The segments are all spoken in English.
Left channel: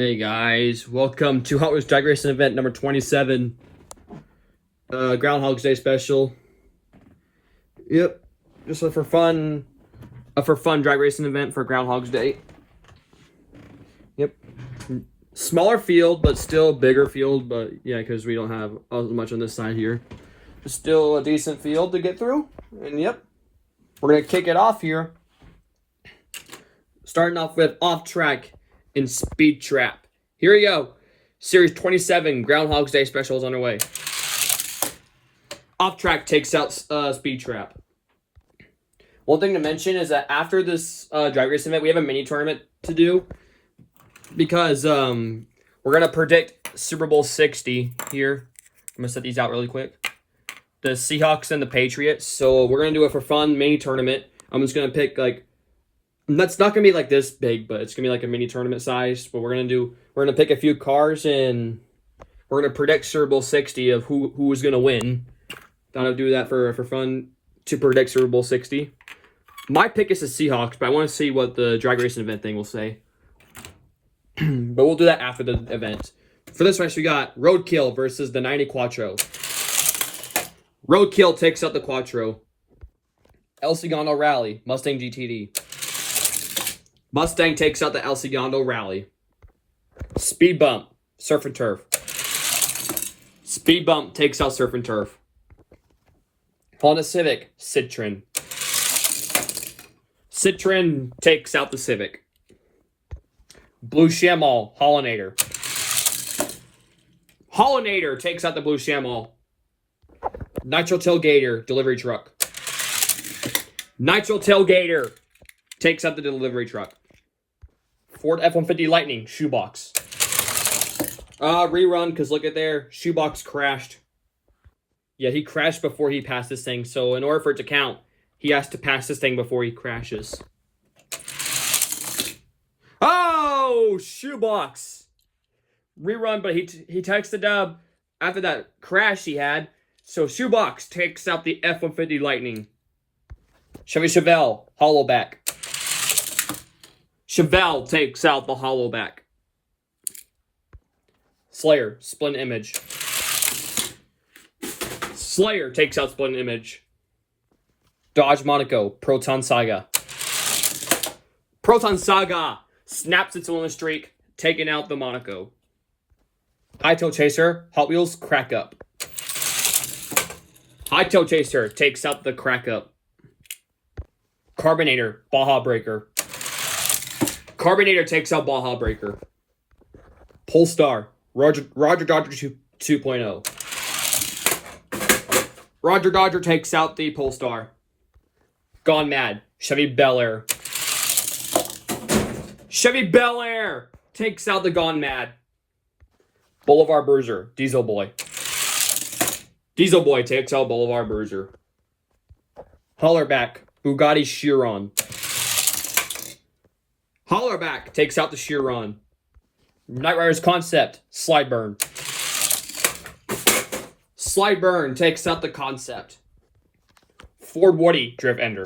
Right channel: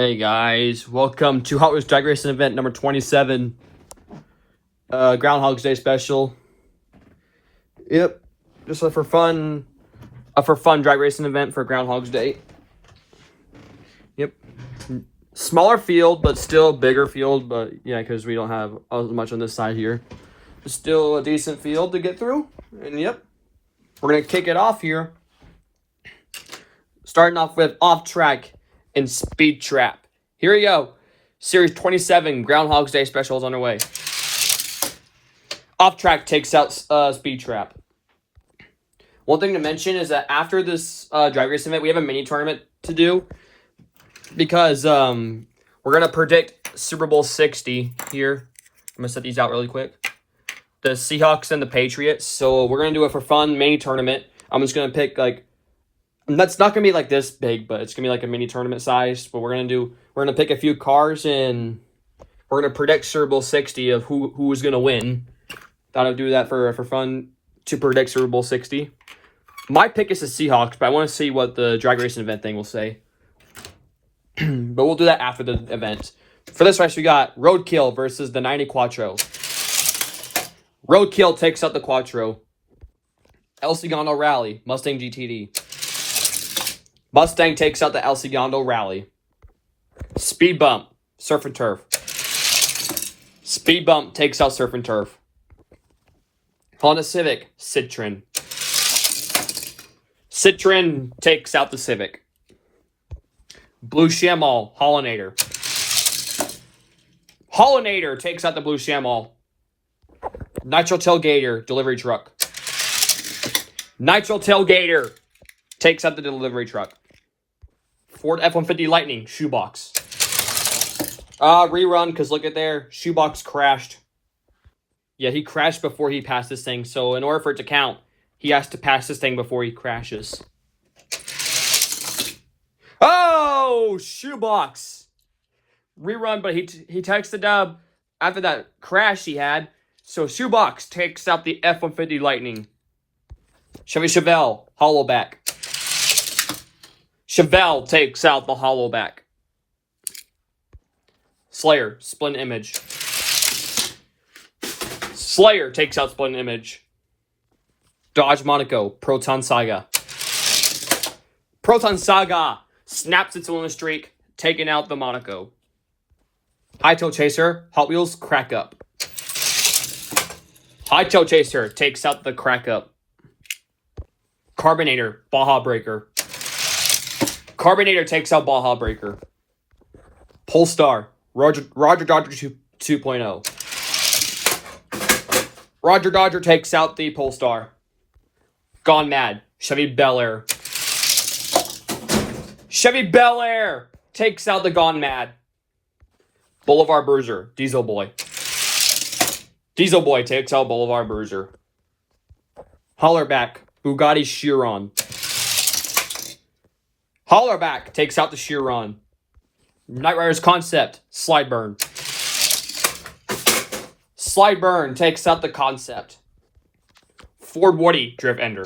Hey guys, welcome to Hot Wheels Drag Racing event number 27. Groundhog's Day special. Yep, just a for fun drag racing event for Groundhog's Day. Yep, smaller field, but still bigger field. But yeah, because we don't have as much on this side here. It's still a decent field to get through. And yep, we're gonna kick it off here. Starting off with off track and speed trap. Here we go. Series 27, Groundhog's Day special is underway. Off track takes out speed trap. One thing to mention is that after this drag race event, we have a mini tournament to do because we're gonna predict Super Bowl 60 here. I'm gonna set these out really quick. The Seahawks and the Patriots. So we're gonna do it for fun mini tournament. I'm just gonna pick like. That's not gonna be like this big, but it's gonna be like a mini tournament size. But we're gonna pick a few cars and we're gonna predict Super Bowl 60 of who is gonna win. Thought I'd do that for fun to predict Super Bowl 60. My pick is the Seahawks, but I want to see what the drag racing event thing will say. But we'll do that after the event. For this race, we got Roadkill versus the 90 Quattro. Roadkill takes out the Quattro. El Segundo Rally, Mustang GTD. Mustang takes out the El Segundo Rally. Speed Bump, Surf and Turf. Speed Bump takes out Surf and Turf. Honda Civic, Citroen. Citroen takes out the Civic. Blue Chamal, Hollinator. Hollinator takes out the Blue Chamal. Nitro Tailgater, Delivery Truck. Nitro Tailgater takes out the delivery truck. Ford F-150 Lightning, Shoebox. Rerun, because look at there. Shoebox crashed. Yeah, he crashed before he passed this thing. So in order for it to count, he has to pass this thing before he crashes. Oh, Shoebox. Rerun, but he takes the dub after that crash he had. So Shoebox takes out the F-150 Lightning. Chevy Chevelle, Hollowback. Chevelle takes out the Hollowback. Slayer, Split Image. Slayer takes out Split Image. Dodge Monaco, Proton Saga. Proton Saga snaps its own streak, taking out the Monaco. Hightail Chaser, Hot Wheels, Crack Up. Hightail Chaser takes out the Crack Up. Carbinator, Baja Breaker. Carbinator takes out Baja Breaker. Polestar, Roger Dodger 2.0. Roger Dodger takes out the Polestar. Gone Mad, Chevy Bel Air. Chevy Bel Air takes out the Gone Mad. Boulevard Bruiser, Diesel Boy. Diesel Boy takes out Boulevard Bruiser. Hollerback, Bugatti Chiron. Hollerback takes out the Chiron. Night Riders Concept, Slideburn. Slideburn takes out the Concept. Ford Woody, Drift Ender.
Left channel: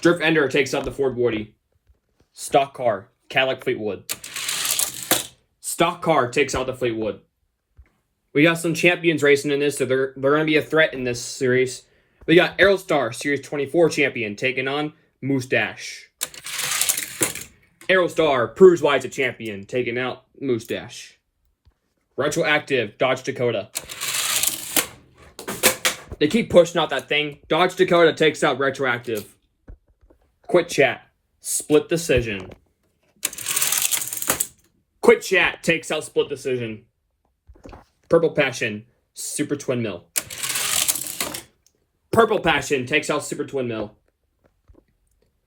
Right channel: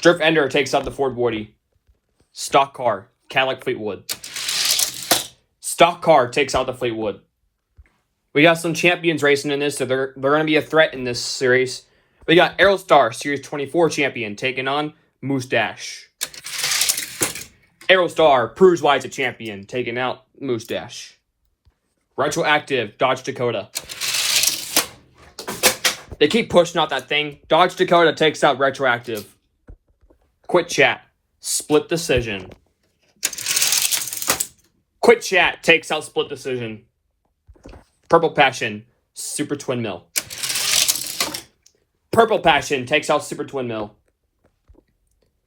Drift Ender takes out the Ford Woody. Stock Car, Cadillac Fleetwood. Stock Car takes out the Fleetwood. We got some champions racing in this, so they're going to be a threat in this series. We got Aerostar, Series 24 champion, taking on Moustache. Aerostar, proves why it's a champion, taking out Moustache. Retroactive, Dodge Dakota. They keep pushing out that thing. Dodge Dakota takes out Retroactive. Quit Chat, Split Decision. Quit Chat takes out Split Decision. Purple Passion, Super Twin Mill. Purple Passion takes out Super Twin Mill.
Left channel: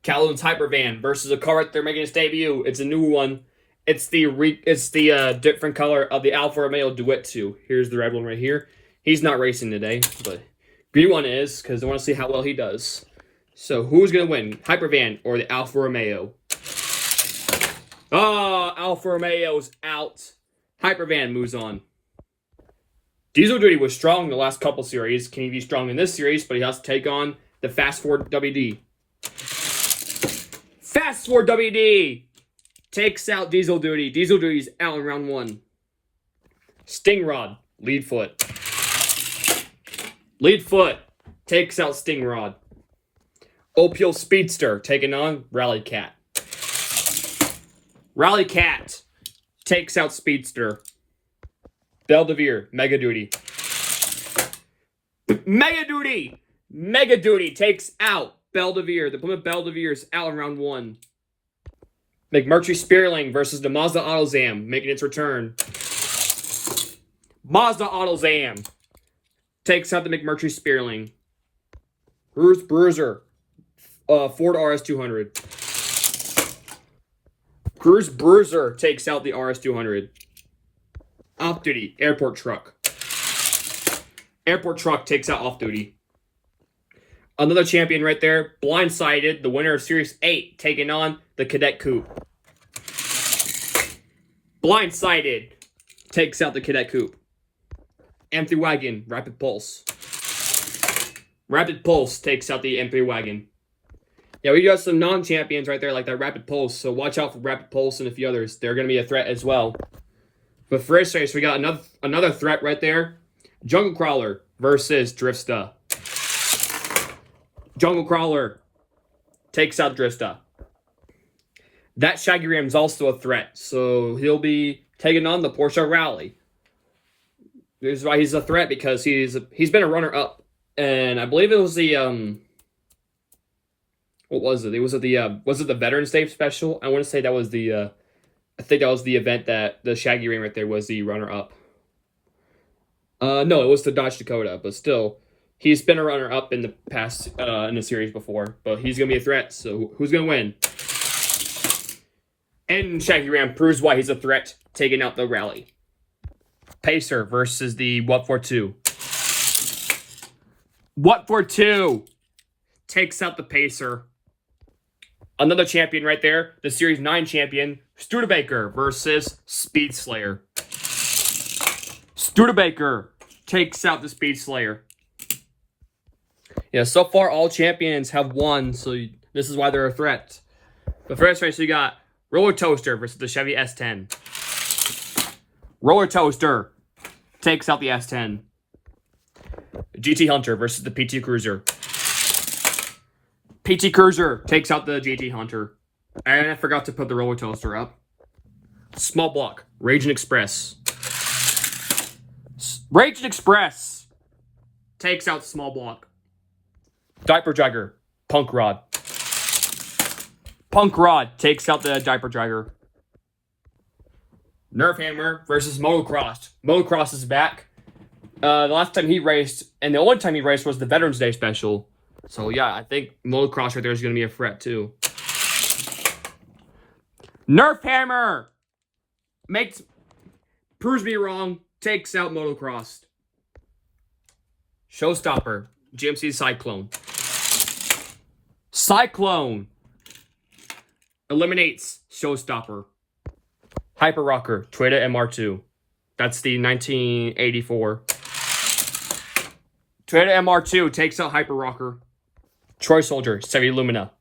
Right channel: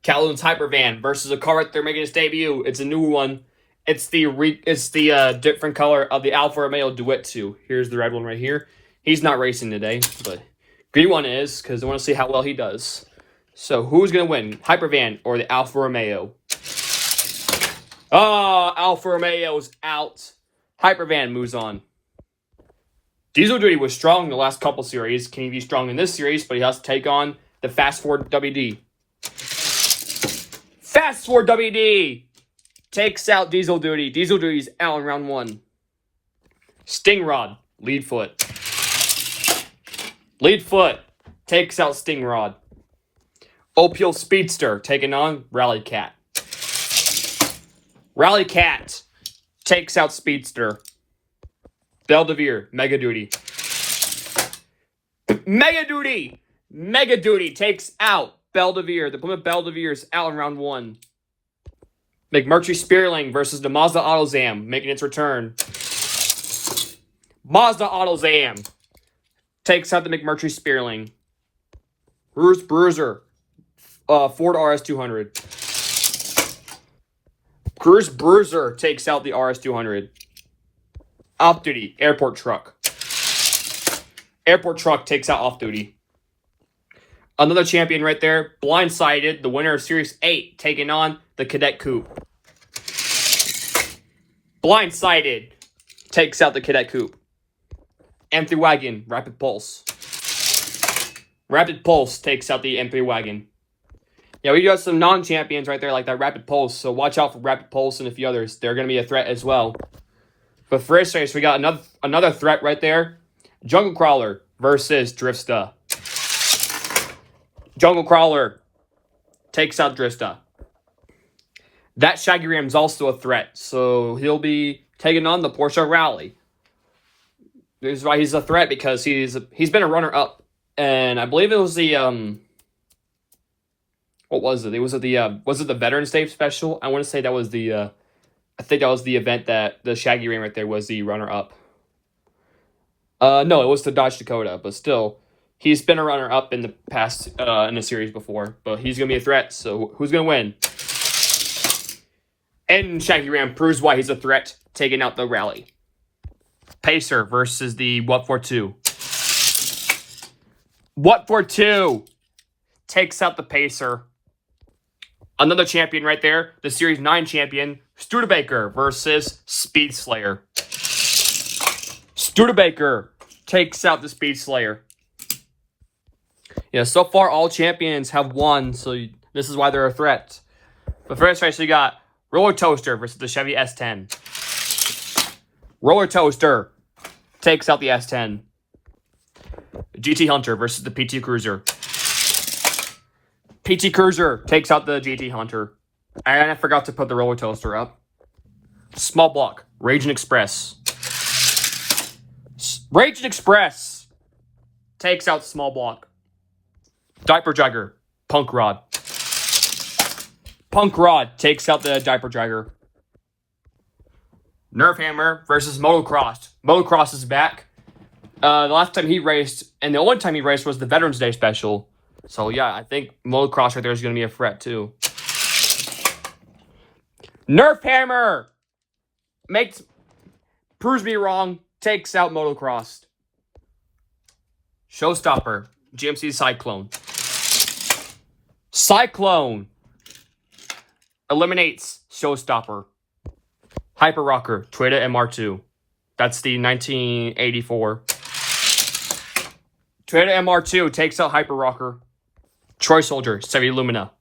Calhoun's Hypervan versus a car they're making its debut. It's a new one. It's the different color of the Alfa Romeo Duet 2. Here's the red one right here. He's not racing today, but green one is because I want to see how well he does. So who's gonna win, Hypervan or the Alfa Romeo? Oh, Alfa Romeo's out. Hypervan moves on. Diesel Duty was strong in the last couple series. Can he be strong in this series? But he has to take on the Fast Forward WD. Fast Forward WD takes out Diesel Duty. Diesel Duty's out in round 1. Stingrod, lead foot. Lead foot takes out Stingrod. Opal Speedster taking on Rally Cat. Rally Cat takes out Speedster. Belvedere, Mega Duty. Mega Duty! Mega Duty takes out Belvedere. The Plymouth Belvedere is out in round 1. McMurtry Spearling versus the Mazda AutoZam making its return. Mazda AutoZam takes out the McMurtry Spearling. Bruce Bruiser, Ford RS200. Bruce Bruiser takes out the RS200. Off Duty, Airport Truck. Airport Truck takes out Off Duty. Another champion right there, Blindsided, the winner of Series 8, taking on the Cadet Coupe. Blindsided takes out the Cadet Coupe. M3 Wagon, Rapid Pulse. Rapid Pulse takes out the M3 Wagon. Yeah, we got some non-champions right there like that Rapid Pulse, so watch out for Rapid Pulse and a few others. They're going to be a threat as well. But for this race, we got another threat right there. Jungle Crawler versus Drifsta. Jungle Crawler takes out Drifta. That Shaggy Ram's also a threat, so he'll be taking on the Porsche Rally. This is why he's a threat, because he's been a runner-up, and I believe it was the what was it? Was it the Veterans Day special? I want to say that was the I think that was the event that the Shaggy Ram right there was the runner-up. No, it was the Dodge Dakota, but still, he's been a runner-up in the past in the series before, but he's gonna be a threat. So who's gonna win? And Shaggy Ram proves why he's a threat, taking out the Rally. Pacer versus the What For Two. What For Two takes out the Pacer. Another champion right there, the Series 9 champion, Studebaker versus Speed Slayer. Studebaker takes out the Speed Slayer. Yeah, so far all champions have won, so this is why they're a threat. But first race, we got Roller Toaster versus the Chevy S10. Roller Toaster takes out the S10. GT Hunter versus the PT Cruiser. PT Cruiser takes out the GT Hunter. And I forgot to put the Roller Toaster up. Small Block, Raging Express. Raging Express takes out Small Block. Diaper Dragger, Punk Rod. Punk Rod takes out the Diaper Dragger. Nerf Hammer versus Motocross. Motocross is back. The last time he raced, and the only time he raced, was the Veterans Day special. So yeah, I think Motocross right there is going to be a threat too. Nerf Hammer proves me wrong, takes out Motocross. Showstopper, GMC Cyclone. Cyclone eliminates Showstopper. Hyper Rocker, Toyota MR2. That's the 1984. Toyota MR2 takes out Hyper Rocker. Troy Soldier, Chevy Lumina.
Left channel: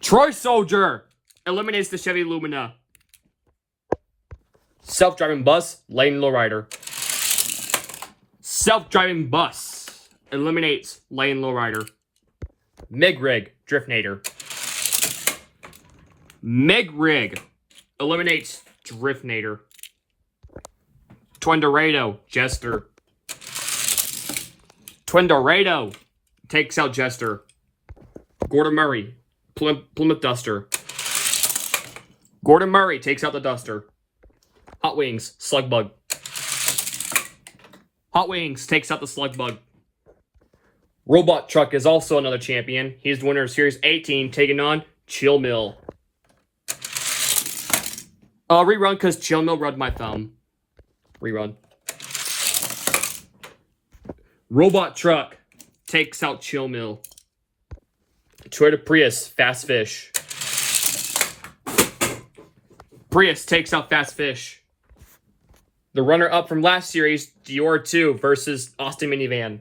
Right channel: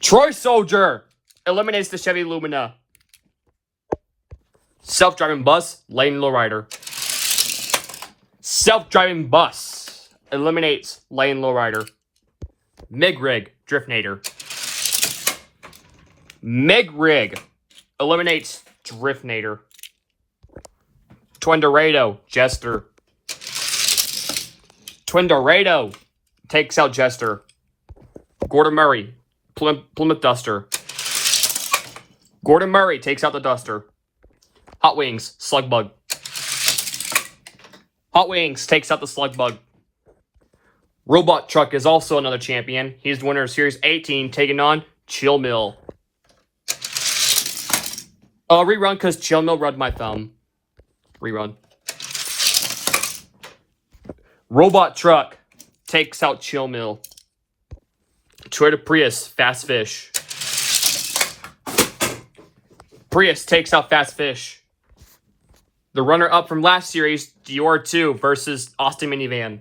Troy Soldier eliminates the Chevy Lumina. Self-driving bus, Lane Lowrider. Self-driving bus eliminates Lane Lowrider. Mig Rig, Driftnator. Mig Rig eliminates Driftnator. Twin Dorado, Jester. Twin Dorado takes out Jester. Gordon Murray, Plymouth Duster. Gordon Murray takes out the Duster. Hot Wings, Slugbug. Hot Wings takes out the Slugbug. Robot Truck is also another champion. He's the winner of Series 18, taking on Chill Mill. Rerun, because Chill Mill rubbed my thumb. Rerun. Robot Truck takes out Chill Mill. Toyota Prius, Fast Fish. Prius takes out Fast Fish. The runner-up from last series, Dior 2 versus Austin Minivan.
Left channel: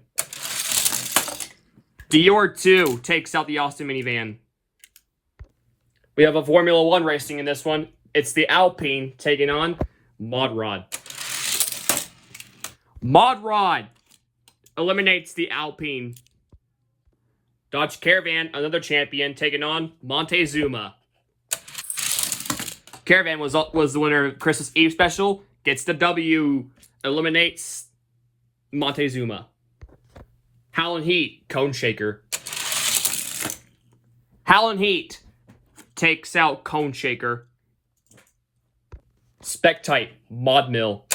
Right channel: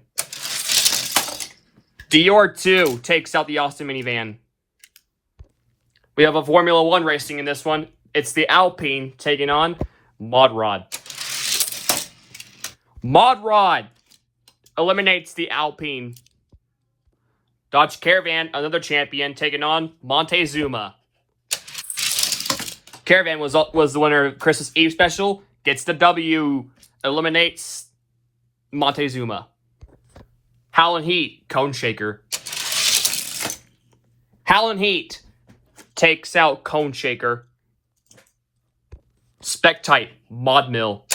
Dior 2 takes out the Austin Minivan. We have a Formula 1 racing in this one. It's the Alpine taking on Mod Rod. Mod Rod eliminates the Alpine. Dodge Caravan, another champion, taking on Montezuma. Caravan was the winner of Christmas Eve special. Gets the W. Eliminates Montezuma. Howlin' Heat, Cone Shaker. Howlin' Heat takes out Cone Shaker. Spec-Type, Mod Mill.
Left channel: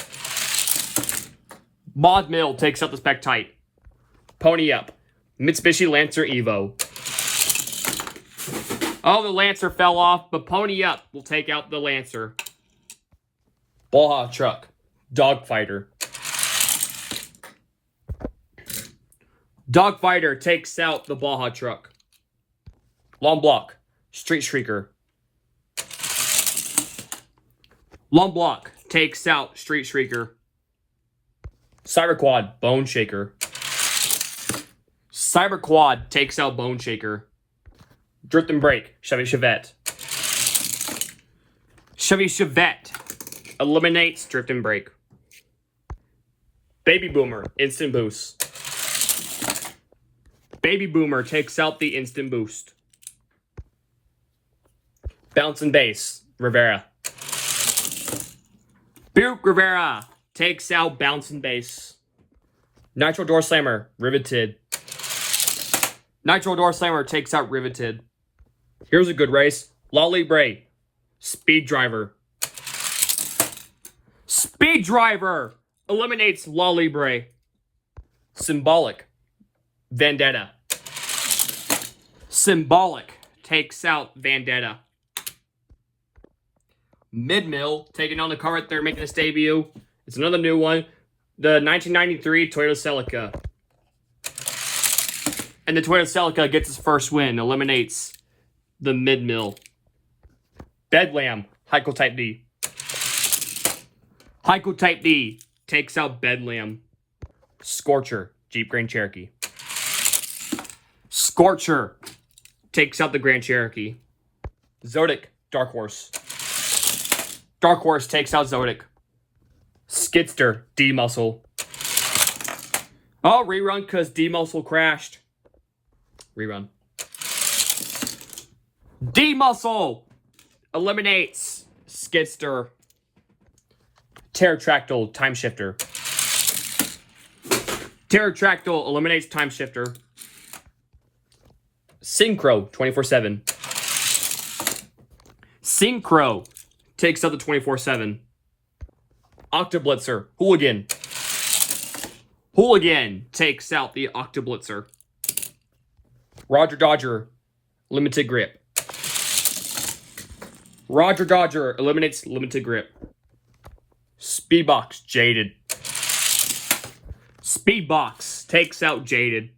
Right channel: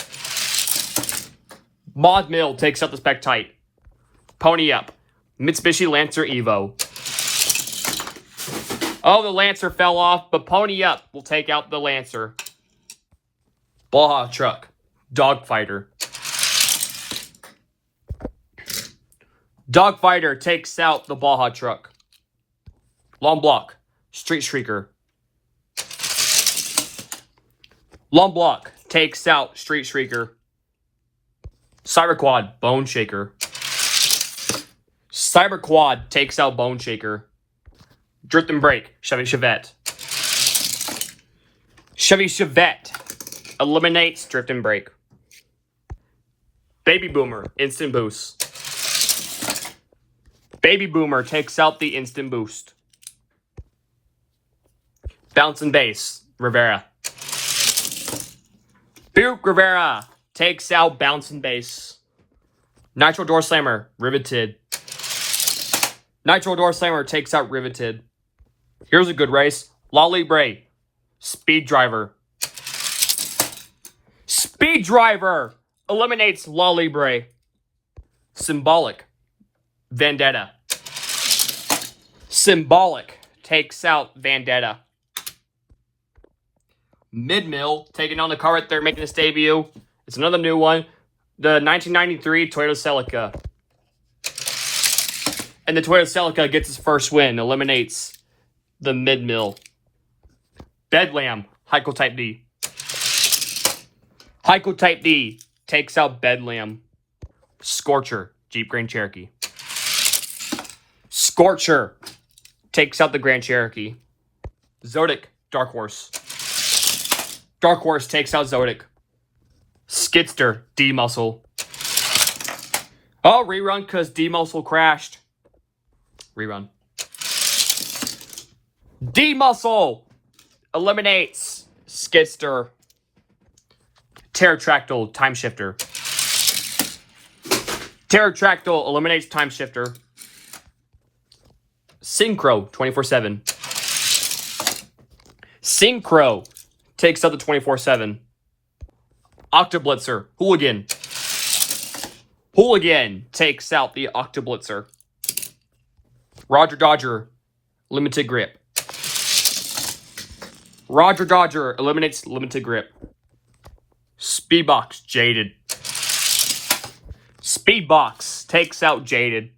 Mod Mill takes out the Spec-Type. Pony Up, Mitsubishi Lancer Evo. Oh, the Lancer fell off, but Pony Up will take out the Lancer. Baja Truck, Dogfighter. Dogfighter takes out the Baja Truck. Long Block, Street Shrieker. Long Block takes out Street Shrieker. Cyber Quad, Bone Shaker. Cyber Quad takes out Bone Shaker. Drift and Brake, Chevy Chevette. Chevy Chevette eliminates Drift and Brake. Baby Boomer, Instant Boost. Baby Boomer takes out the Instant Boost. Bounce and Bass, Rivera. Buick Rivera takes out Bounce and Bass. Nitro Door Slammer, Riveted. Nitro Door Slammer takes out Riveted. Here's a good race. Lolly Bray, Speed Driver. Speed Driver eliminates Lolly Bray. Symbolic, Vendetta. Symbolic takes out Vendetta. Mid-Mill taking on the car right there, making its debut. It's another new one. The 1993 Toyota Celica. And the Toyota Celica gets its first win. Eliminates the Mid-Mill. Bedlam, Heikel Type D. Heikel Type D takes out Bedlam. Scorcher, Jeep Grand Cherokee. Scorcher takes out the Grand Cherokee. Zodiac, Dark Horse. Dark Horse takes out Zodiac. Skidster, D-Muscle. Oh, rerun because D-Muscle crashed. Rerun. D-Muscle eliminates Skidster. Pterotractyl, Time Shifter. Pterotractyl eliminates Time Shifter. Synchro, 24/7. Synchro takes out the 24/7. Octoblitzer, Hooligan. Hooligan takes out the Octoblitzer. Roger Dodger, Limited Grip. Roger Dodger eliminates Limited Grip. Speedbox, Jaded. Speedbox takes out Jaded.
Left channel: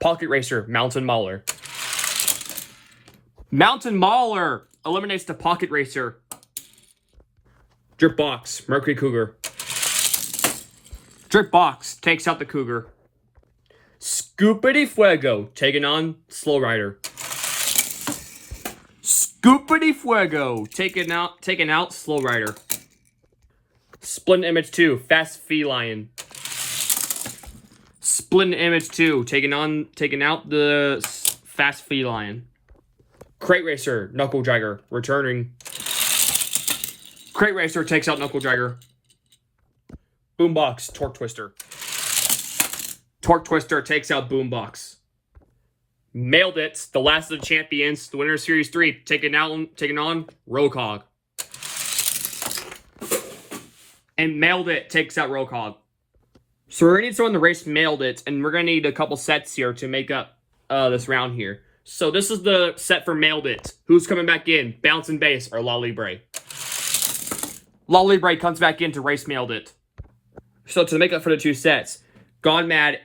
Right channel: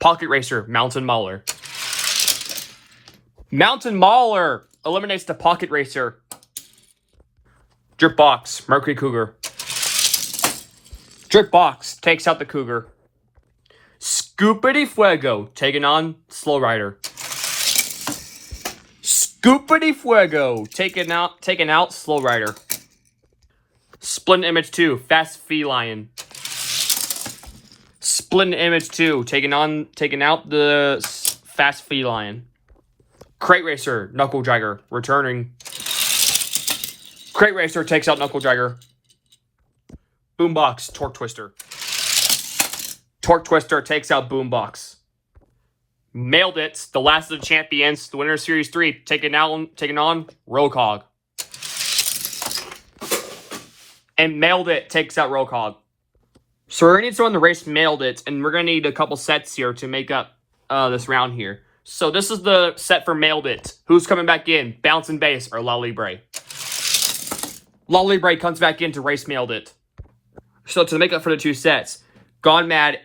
Pocket Racer, Mountain Mauler. Mountain Mauler eliminates the Pocket Racer. Drip Box, Mercury Cougar. Drip Box takes out the Cougar. Scoopity Fuego taking on Slow Rider. Scoopity Fuego taking out Slow Rider. Splendid Image 2, Fast Feline. Splendid Image 2 taking out the Fast Feline. Crate Racer, Knuckle Dragger, returning. Crate Racer takes out Knuckle Dragger. Boombox, Torque Twister. Torque Twister takes out Boombox. Mailed It, the last of the champions, the winner of Series 3, taking on Roadhog. And Mailed It takes out Roadhog. So we're going to need someone to race Mailed It, and we're going to need a couple sets here to make up this round here. So this is the set for Mailed It. Who's coming back in? Bounce and Bass or Lolly Bray? Lolly Bray comes back in to race Mailed It. So to make up for the two sets, Gone Mad,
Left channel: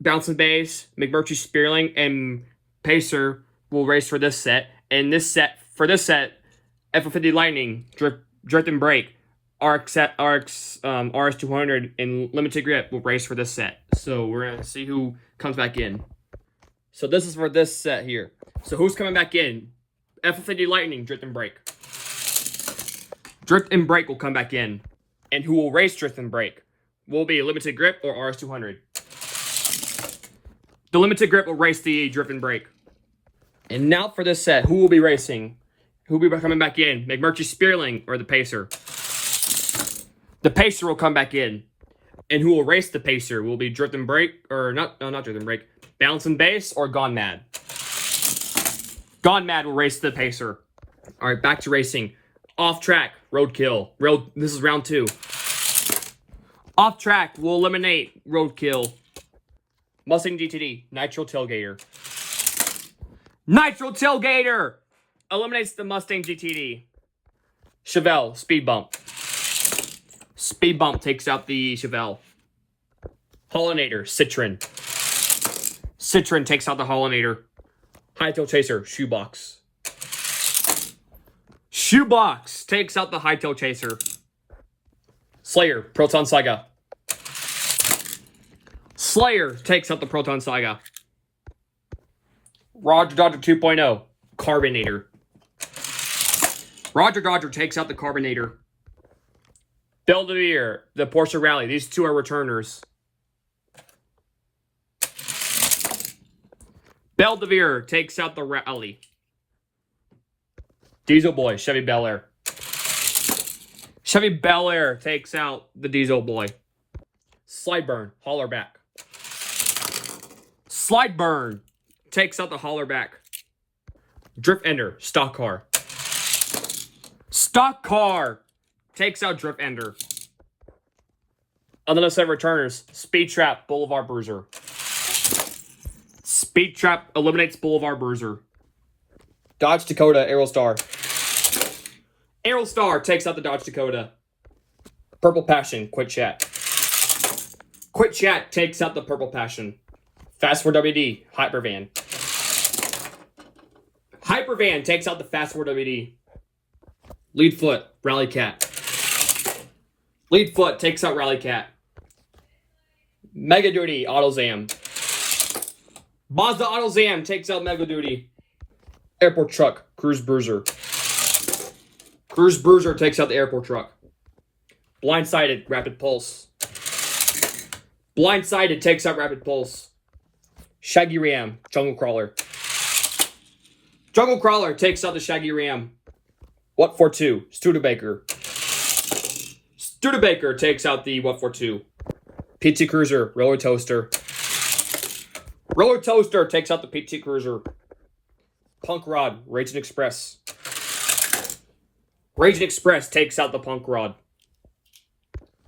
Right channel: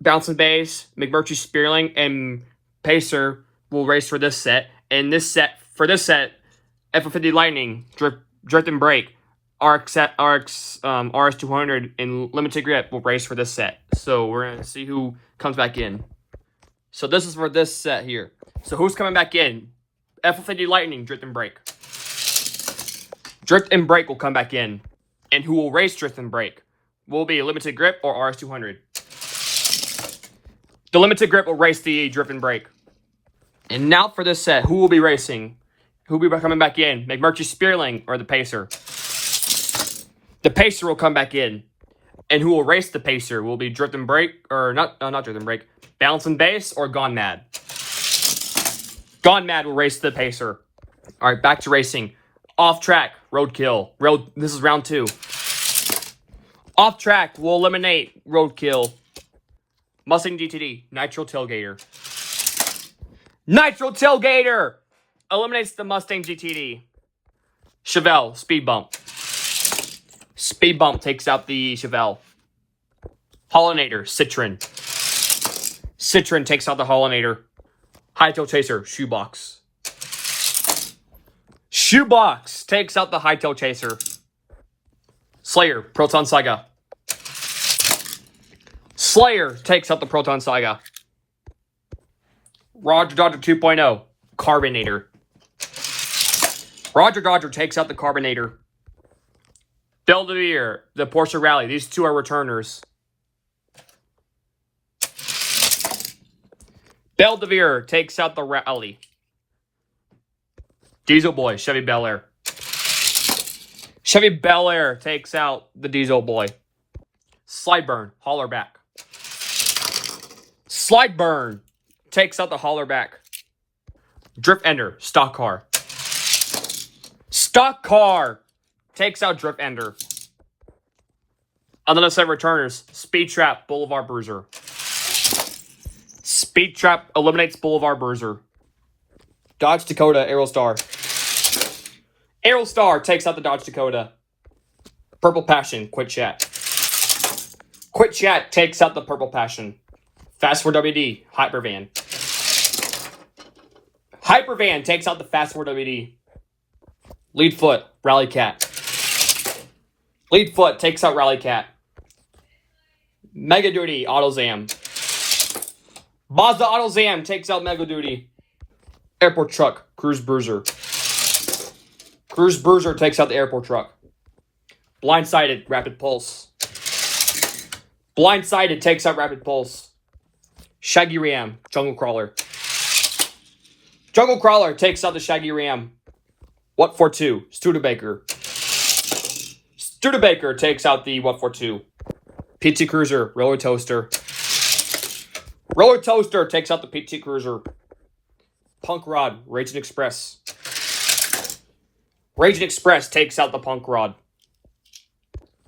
Bounce and Bass, McMurtry Spearling, and Pacer will race for this set. And for this set, F-150 Lightning, Drift and Brake, RS200, and Limited Grip will race for this set. So we're going to see who comes back in. So this is for this set here. So who's coming back in? F-150 Lightning, Drift and Brake. Drift and Brake will come back in. And who will race Drift and Brake? Will be Limited Grip or RS200. The Limited Grip will race the Drift and Brake. And now for this set, who will be racing? Who will be coming baft in? McMurtry Spearling or the Pacer? The Pacer will come back in. And who will race the Pacer? Will be Drift and Brake, or not Drift and Brake, Balance and Base or Gone Mad? Gone Mad will race the Pacer. All right, back to racing. Off track, Roadkill. This is round 2. Off track will eliminate Roadkill. Mustang GTD, Nitro Tailgater. Nitro Tailgater eliminates the Mustang GTD. Chevelle, Speed Bump. Speed Bump takes out the Chevelle. Hollinator, Citroen. Citroen takes out the Hollinator. Hightail Chaser, Shoebox. Shoebox takes out the Hightail Chaser. Slayer, Proton Saga. Slayer takes out the Proton Saga. Roger Dodger 2.0, Carbonator. Roger Dodger takes out the Carbonator. Belvedere, the Porsche Rally. These two are returners. Belvedere takes out the Rally. Diesel Boy, Chevy Bel Air. Chevy Bel Air takes out the Diesel Boy. Slideburn, Hollerback. Slideburn takes out the Hollerback. Drift Ender, Stock Car. Stock Car takes out Drift Ender. Another set of returners. Speed Trap, Boulevard Bruiser. Speed Trap eliminates Boulevard Bruiser. Dodge Dakota, Aerostar. Aerostar takes out the Dodge Dakota. Purple Passion, Quit Chat. Quit Chat takes out the Purple Passion. Fast 4 WD, Hypervan. Hypervan takes out the Fast 4 WD. Lead Foot, Rally Cat. Lead Foot takes out Rally Cat. Mega Duty, AutoZam. Mazda AutoZam takes out Mega Duty. Airport Truck, Cruise Bruiser. Cruise Bruiser takes out the Airport Truck. Blindsided, Rapid Pulse. Blindsided takes out Rapid Pulse. Shaggy Ram, Jungle Crawler. Jungle Crawler takes out the Shaggy Ram. What for 2? Studebaker. Studebaker takes out the What for 2. PT Cruiser, Roller Toaster. Roller Toaster takes out the PT Cruiser. Punk Rod, Raging Express. Raging Express takes out the Punk Rod.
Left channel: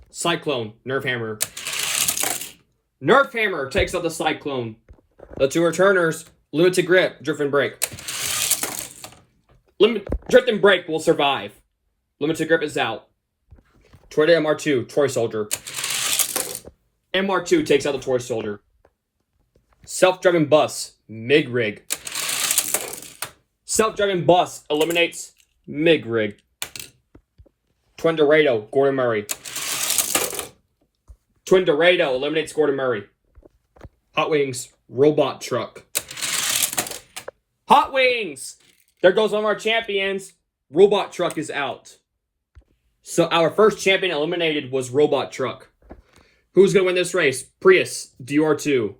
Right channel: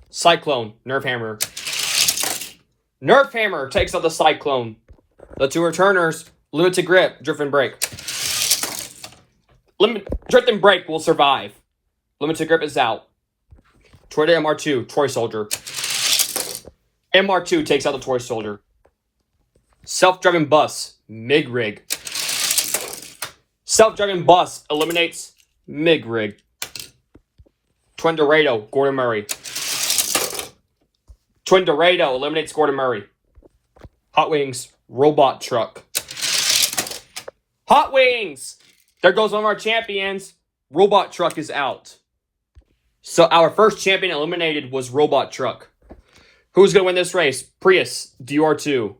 Cyclone, Nerf Hammer. Nerf Hammer takes out the Cyclone. The two returners, Limited Grip, Drift and Brake. Drift and Brake will survive. Limited Grip is out. Toyota MR2, Toy Soldier. MR2 takes out the Toy Soldier. Self-driving bus, MIG Rig. Self-driving bus eliminates MIG Rig. Twin Dorado, Gordon Murray. Twin Dorado eliminates Gordon Murray. Hot Wings, Robot Truck. Hot Wings! There goes one of our champions. Robot Truck is out. So our first champion eliminated was Robot Truck. Who's going to win this race? Prius, Dior2.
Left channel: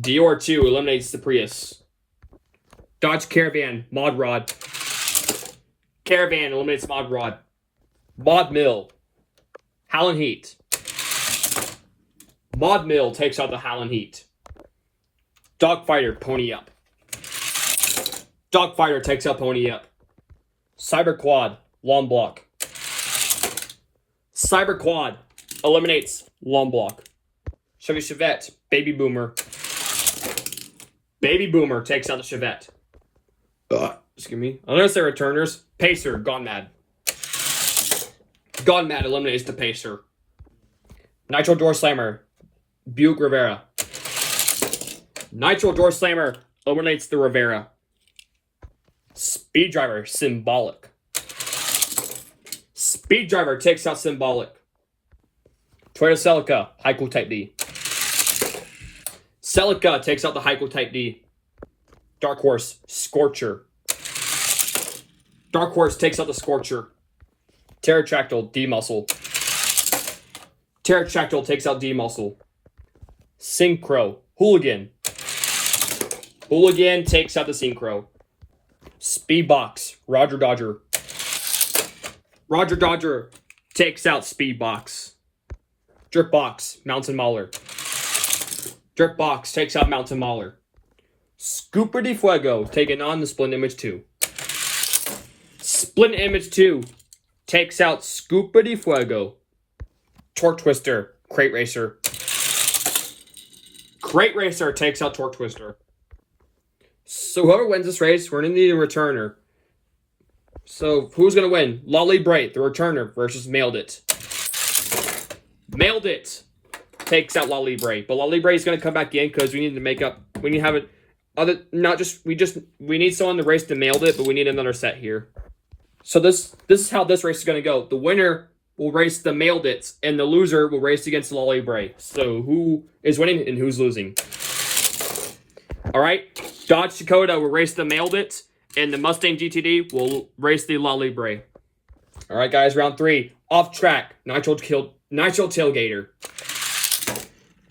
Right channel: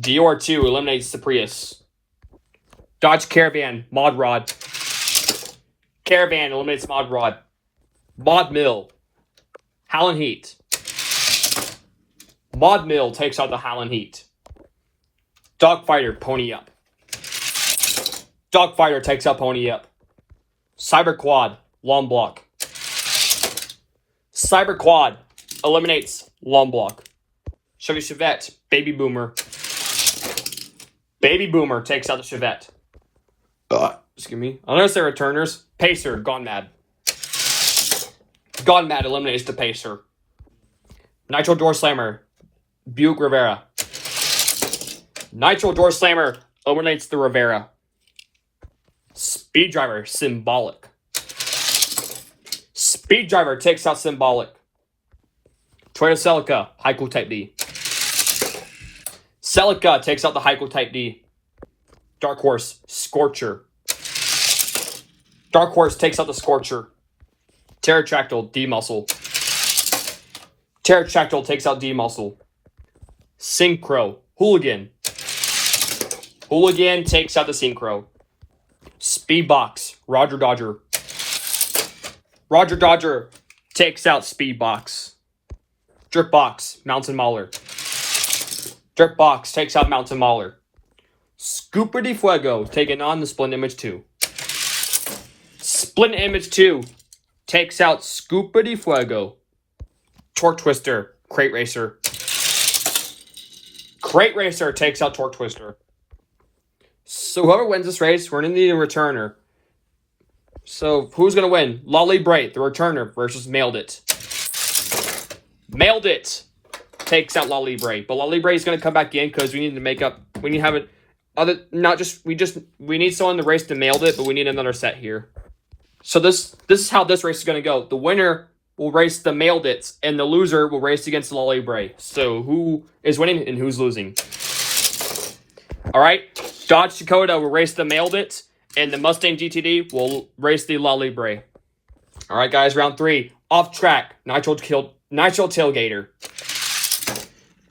Dior2 eliminates the Prius. Dodge Caravan, Mod Rod. Caravan eliminates Mod Rod. Mod Mill, Howlin' Heat. Mod Mill takes out the Howlin' Heat. Dogfighter, Pony Up. Dogfighter takes out Pony Up. Cyber Quad, Long Block. Cyber Quad eliminates Long Block. Chevy Chevette, Baby Boomer. Baby Boomer takes out the Chevette. Excuse me. Unless they're returners. Pacer, Gone Mad. Gone Mad eliminates the Pacer. Nitro Door Slammer, Buick Rivera. Nitro Door Slammer eliminates the Rivera. Speed Driver, Symbolic. Speed Driver takes out Symbolic. Toyota Celica, High Cool Type D. Celica takes out the Hyco Type D. Dark Horse, Scorcher. Dark Horse takes out the Scorcher. Pterodactyl, D-Muscle. Pterodactyl takes out D-Muscle. Synchro, Hooligan. Hooligan takes out the Synchro. Speedbox, Roger Dodger. Roger Dodger takes out Speedbox. Dripbox, Mountain Mauler. Dripbox takes out Mountain Mauler. Scooper de Fuego taking on the Splint Image 2. Splint Image 2 takes out Scooper de Fuego. Torque Twister, Crate Racer. Crate Racer takes out Torque Twister. So whoever wins this race, we're going to need a returner. So who's going to win? Lolly Bright, the returner, versus Mailed It. Mailed It takes out Lolly Bright. But Lolly Bright is going to come back in because we need to make up. We need to have it. We need someone to race to Mailed It, but we need another set here. So this is how this race is going to go. The winner will race the Mailed It, and the loser will race against Lolly Bray. So who is winning and who's losing? All right, Dodge Dakota will race the Mailed It, and the Mustang GTD will race the Lolly Bray. All right, guys, round 3. Off track, Nitro Tailgater.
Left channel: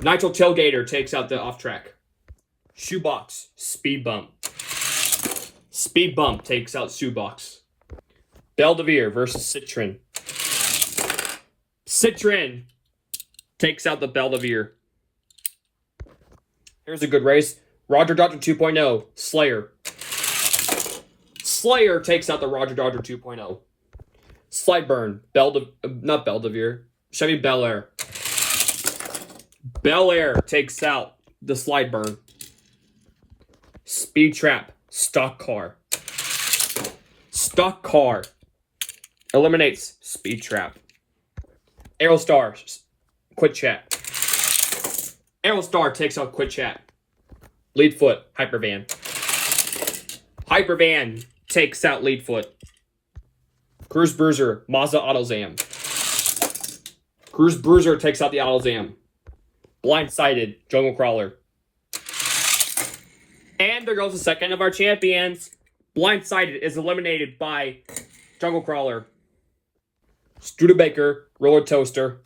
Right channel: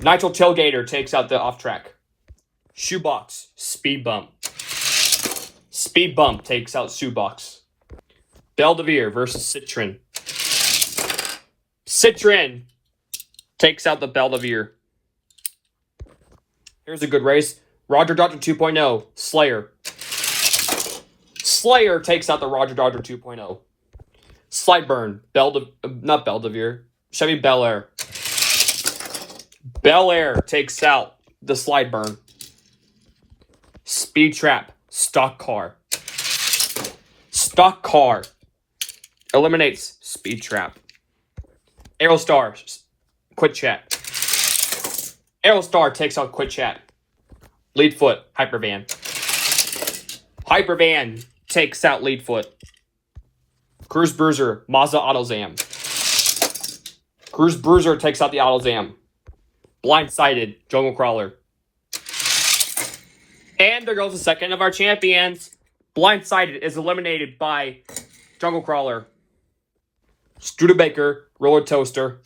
Nitro Tailgater takes out the off track. Shoebox, Speed Bump. Speed Bump takes out Shoebox. Belvedere versus Citron. Citron takes out the Belvedere. Here's a good race. Roger Dodger 2.0, Slayer. Slayer takes out the Roger Dodger 2.0. Slideburn, not Belvedere, Chevy Bel Air. Bel Air takes out the Slideburn. Speed Trap, Stock Car. Stock Car eliminates Speed Trap. Aerostar, Quick Chat. Aerostar takes out Quick Chat. Leadfoot, Hypervan. Hypervan takes out Leadfoot. Cruise Bruiser, Mazda AutoZam. Cruise Bruiser takes out the AutoZam. Blindsided, Jungle Crawler. And there goes the second of our champions. Blindsided is eliminated by Jungle Crawler. Studebaker, Roller Toaster.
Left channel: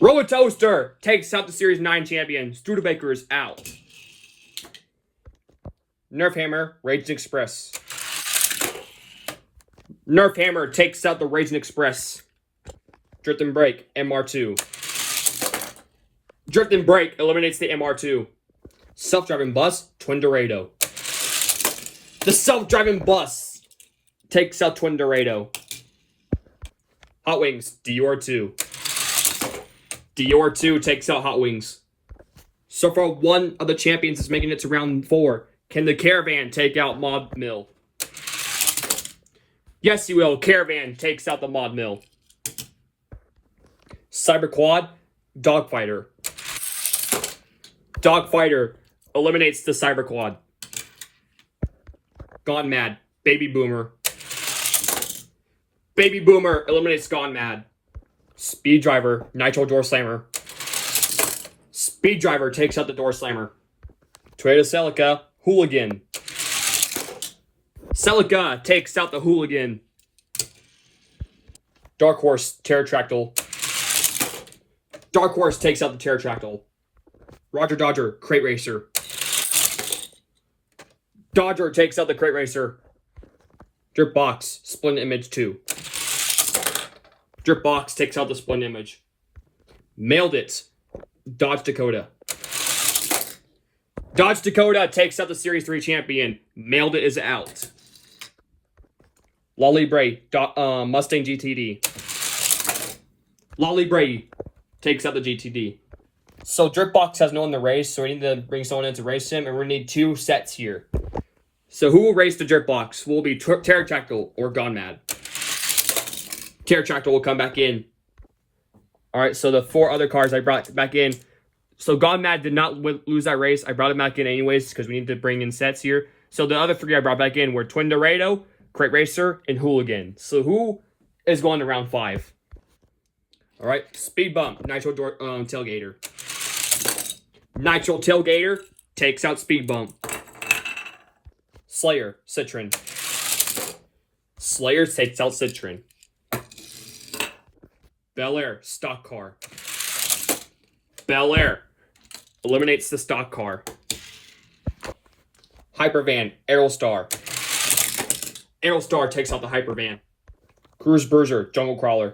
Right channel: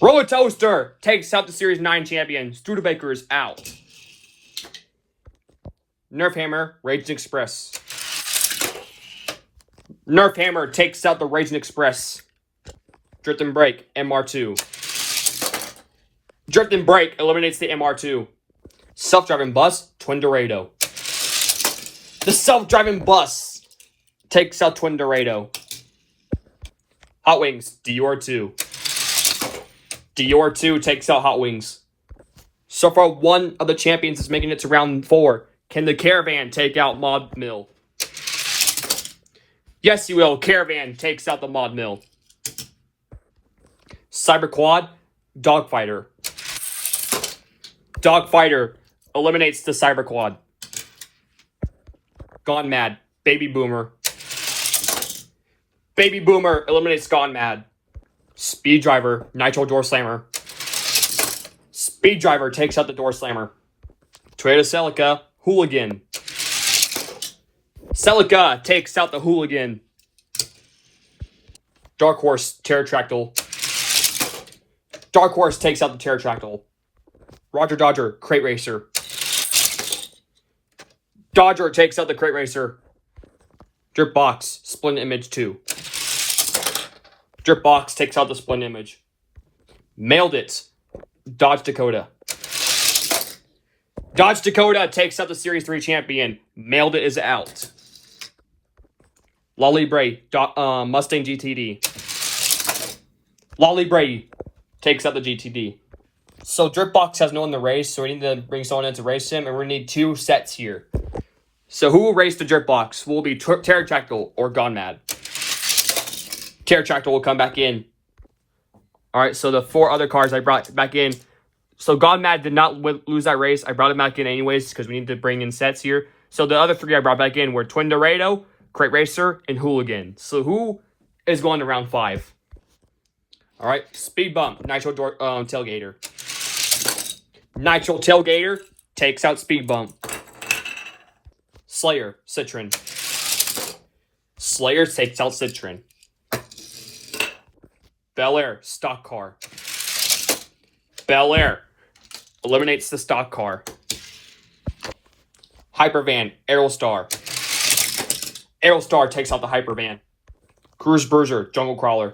Roller Toaster takes out the Series 9 champion. Studebaker is out. Nerf Hammer, Raging Express. Nerf Hammer takes out the Raging Express. Drift and Brake, MR2. Drift and Brake eliminates the MR2. Self-driving bus, Twin Dorado. The self-driving bus takes out Twin Dorado. Hot Wings, Dior 2. Dior 2 takes out Hot Wings. So far, one of the champions is making it to round 4. Can the Caravan take out Mod Mill? Yes, you will. Caravan takes out the Mod Mill. Cyber Quad, Dogfighter. Dogfighter eliminates the Cyber Quad. Gone Mad, Baby Boomer. Baby Boomer eliminates Gone Mad. Speed Driver, Nitro Door Slammer. Speed Driver takes out the Door Slammer. Toyota Celica, Hooligan. Celica takes out the Hooligan. Dark Horse, Pterodactyl. Dark Horse takes out the Pterodactyl. Roger Dodger, Crate Racer. Dodger takes out the Crate Racer. Dripbox, Splint Image 2. Dripbox takes out the Splint Image. Mailed It, Dodge Dakota. Dodge Dakota takes out the Series 3 champion. Mailed It is out. Lolly Bray, Mustang GTD. Lolly Bray takes out the GTD. So Dripbox has no one to race, so we need to bring someone in to race him, and we need 2 sets here. So who will race the Dripbox? Will it be Pterodactyl or Gone Mad? Pterodactyl will come back in. All right, so the 4 other cars I brought back in. So Gone Mad did not lose that race. I brought him back in anyways because we need to bring in sets here. So the other 3 I brought back in were Twin Dorado, Crate Racer, and Hooligan. So who is going to round 5? All right, Speed Bump, Nitro Tailgater. Nitro Tailgater takes out Speed Bump. Slayer, Citron. Slayer takes out Citron. Bel Air, Stock Car. Bel Air eliminates the Stock Car. Hypervan, Aerostar. Aerostar takes out the Hypervan. Cruise Bruiser, Jungle Crawler.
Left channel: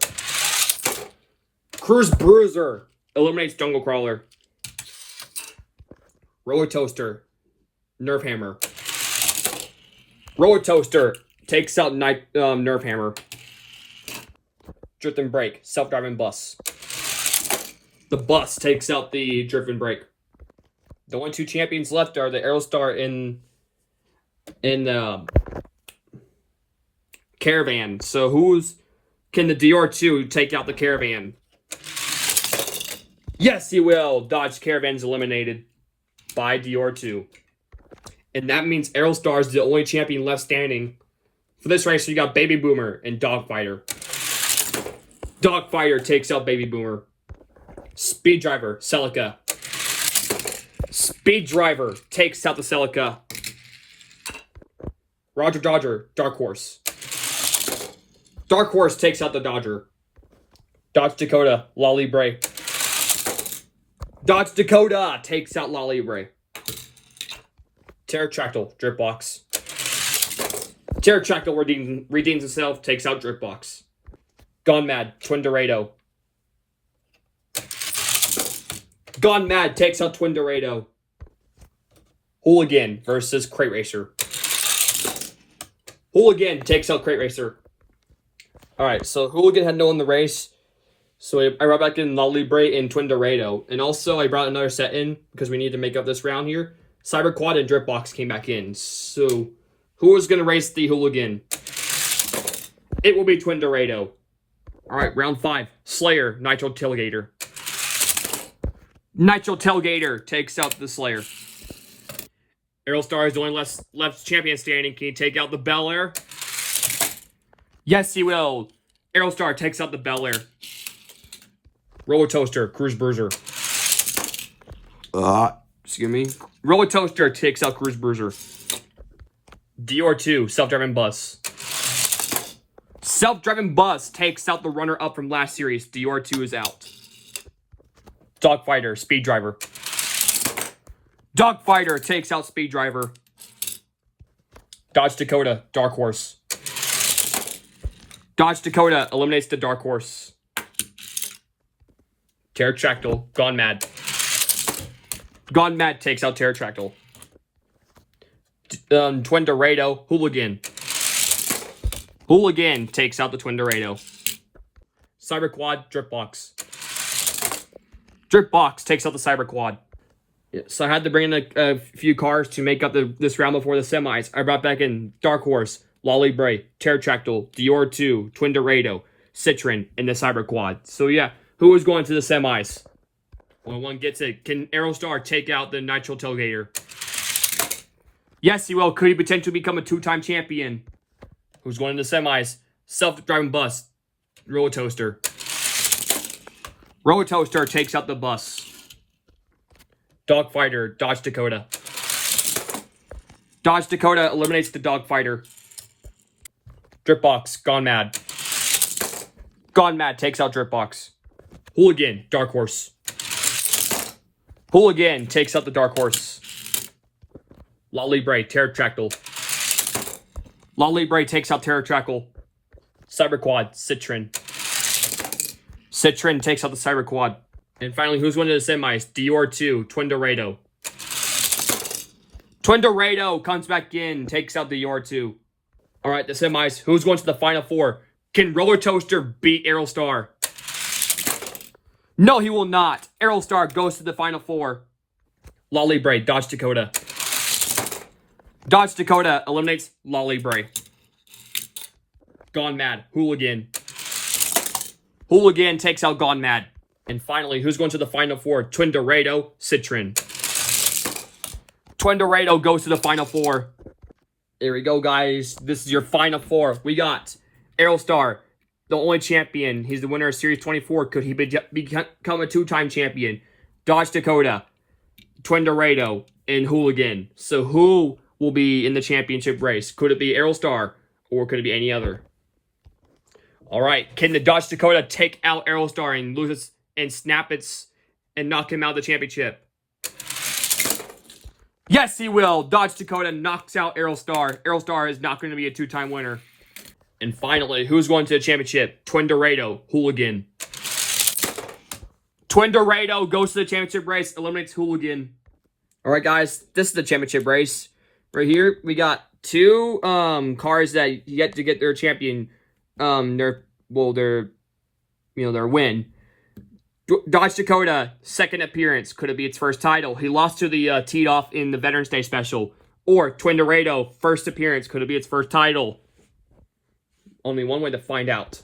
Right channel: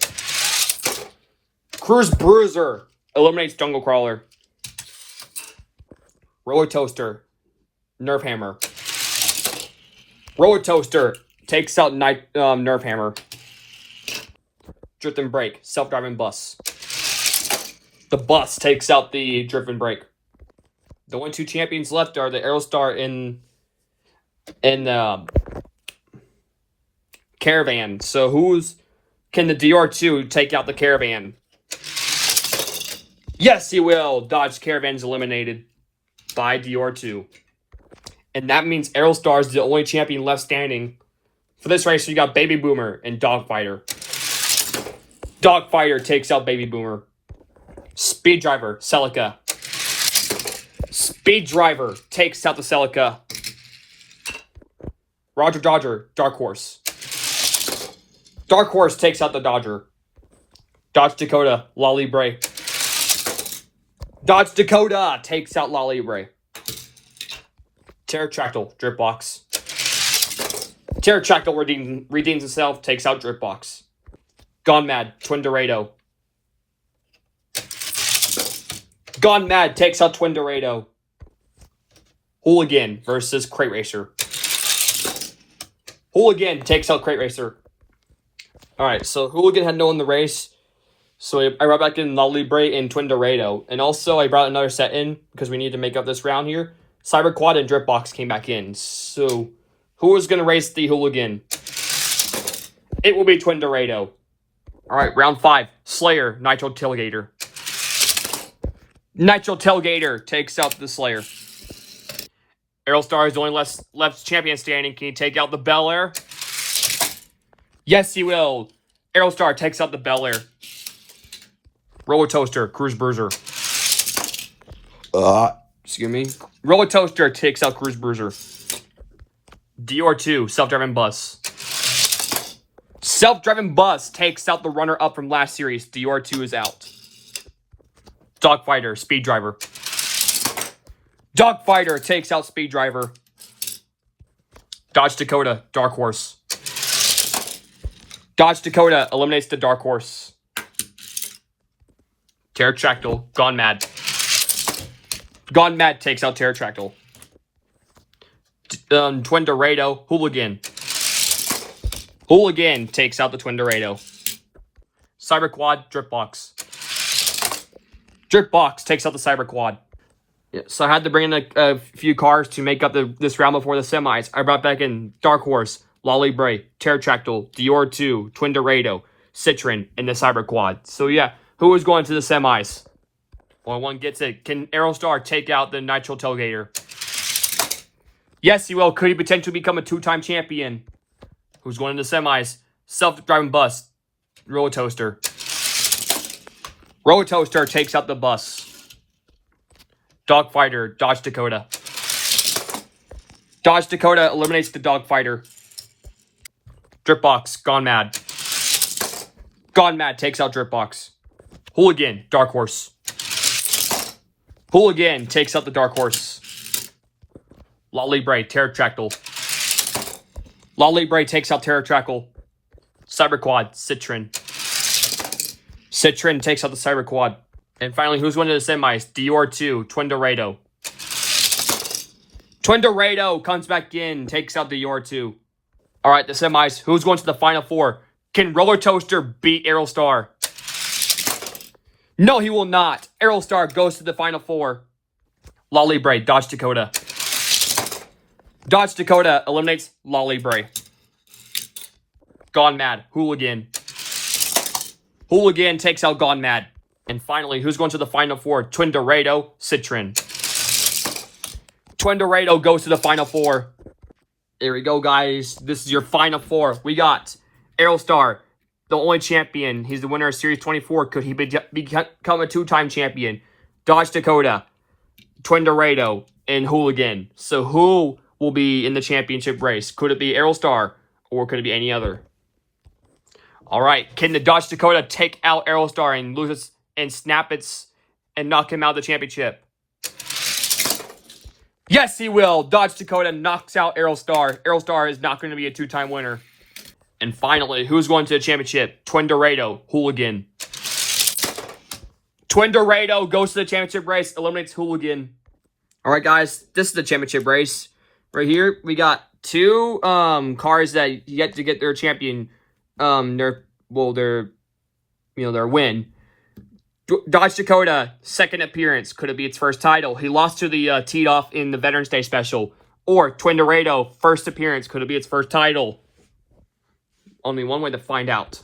Cruise Bruiser eliminates Jungle Crawler. Roller Toaster, Nerf Hammer. Roller Toaster takes out Nerf Hammer. Drift and Brake, Self-Driving Bus. The bus takes out the Drift and Brake. The only two champions left are the Aerostar and Caravan. So can the DR2 take out the Caravan? Yes, he will. Dodge Caravan's eliminated by DR2. And that means Aerostar is the only champion left standing for this race. So you got Baby Boomer and Dogfighter. Dogfighter takes out Baby Boomer. Speed Driver, Celica. Speed Driver takes out the Celica. Roger Dodger, Dark Horse. Dark Horse takes out the Dodger. Dodge Dakota, La Libre. Dodge Dakota takes out La Libre. Pterodactyl, Dripbox. Pterodactyl redeems himself, takes out Dripbox. Gone Mad, Twin Dorado. Gone Mad takes out Twin Dorado. Hooligan versus Crate Racer. Hooligan takes out Crate Racer. Alright, so Hooligan had no in the race. So I brought back in La Libre and Twin Dorado. And also I brought another set in because we need to make up this round here. Cyber Quad and Dripbox came back in. So who was going to race the Hooligan? It will be Twin Dorado. Alright, round 5. Slayer, Nitro Tailgater. Nitro Tailgater takes out the Slayer. Aerostar is the only left champion standing. Can he take out the Bel Air? Yes, he will. Aerostar takes out the Bel Air. Roller Toaster, Cruise Bruiser. Excuse me. Roller Toaster takes out Cruise Bruiser. DR2, Self-Driving Bus. Self-Driving Bus takes out the runner-up from last series. DR2 is out. Dogfighter, Speed Driver. Dogfighter takes out Speed Driver. Dodge Dakota, Dark Horse. Dodge Dakota eliminates the Dark Horse. Pterodactyl, Gone Mad. Gone Mad takes out Pterodactyl. Twin Dorado, Hooligan. Hooligan takes out the Twin Dorado. Cyber Quad, Dripbox. Dripbox takes out the Cyber Quad. Yeah, so I had to bring in a few cars to make up this round before the semis. I brought back in Dark Horse, La Libre, Pterodactyl, DR2, Twin Dorado, Citron, and the Cyber Quad. So yeah, who is going to the semis? Well, one gets it. Can Aerostar take out the Nitro Tailgater? Yes, he will. Could he potentially become a 2-time champion? Who's going to the semis? Self-Driving Bus, Roller Toaster. Roller Toaster takes out the bus. Dogfighter, Dodge Dakota. Dodge Dakota eliminates the Dogfighter. Dripbox, Gone Mad. Gone Mad takes out Dripbox. Hooligan, Dark Horse. Hooligan takes out the Dark Horse. La Libre, Pterodactyl. La Libre takes out Pterodactyl. Cyber Quad, Citron. Citron takes out the Cyber Quad. And finally, who's winning the semis? DR2, Twin Dorado. Twin Dorado comes back in, takes out the DR2. All right, the semis. Who's going to the Final Four? Can Roller Toaster beat Aerostar? No, he will not. Aerostar goes to the Final Four. La Libre, Dodge Dakota. Dodge Dakota eliminates La Libre. Gone Mad, Hooligan. Hooligan takes out Gone Mad. And finally, who's going to the Final Four? Twin Dorado, Citron. Twin Dorado goes to the Final Four. There we go, guys. This is your Final Four. We got Aerostar, the only champion. He's the winner of Series 24. Could he become a 2-time champion? Dodge Dakota. Twin Dorado, and Hooligan. So who will be in the championship race? Could it be Aerostar, or could it be any other? All right, can the Dodge Dakota take out Aerostar and lose its and snap its and knock him out of the championship? Yes, he will. Dodge Dakota knocks out Aerostar. Aerostar is not going to be a two-time winner. And finally, who's going to the championship? Twin Dorado, Hooligan. Twin Dorado goes to the championship race, eliminates Hooligan. All right, guys, this is the championship race. Right here, we got two cars that yet to get their champion, their win. Dodge Dakota, second appearance. Could it be its first title? He lost to the teed off in the Veterans Day special. Or Twin Dorado, first appearance. Could it be its first title? Only one way to find out.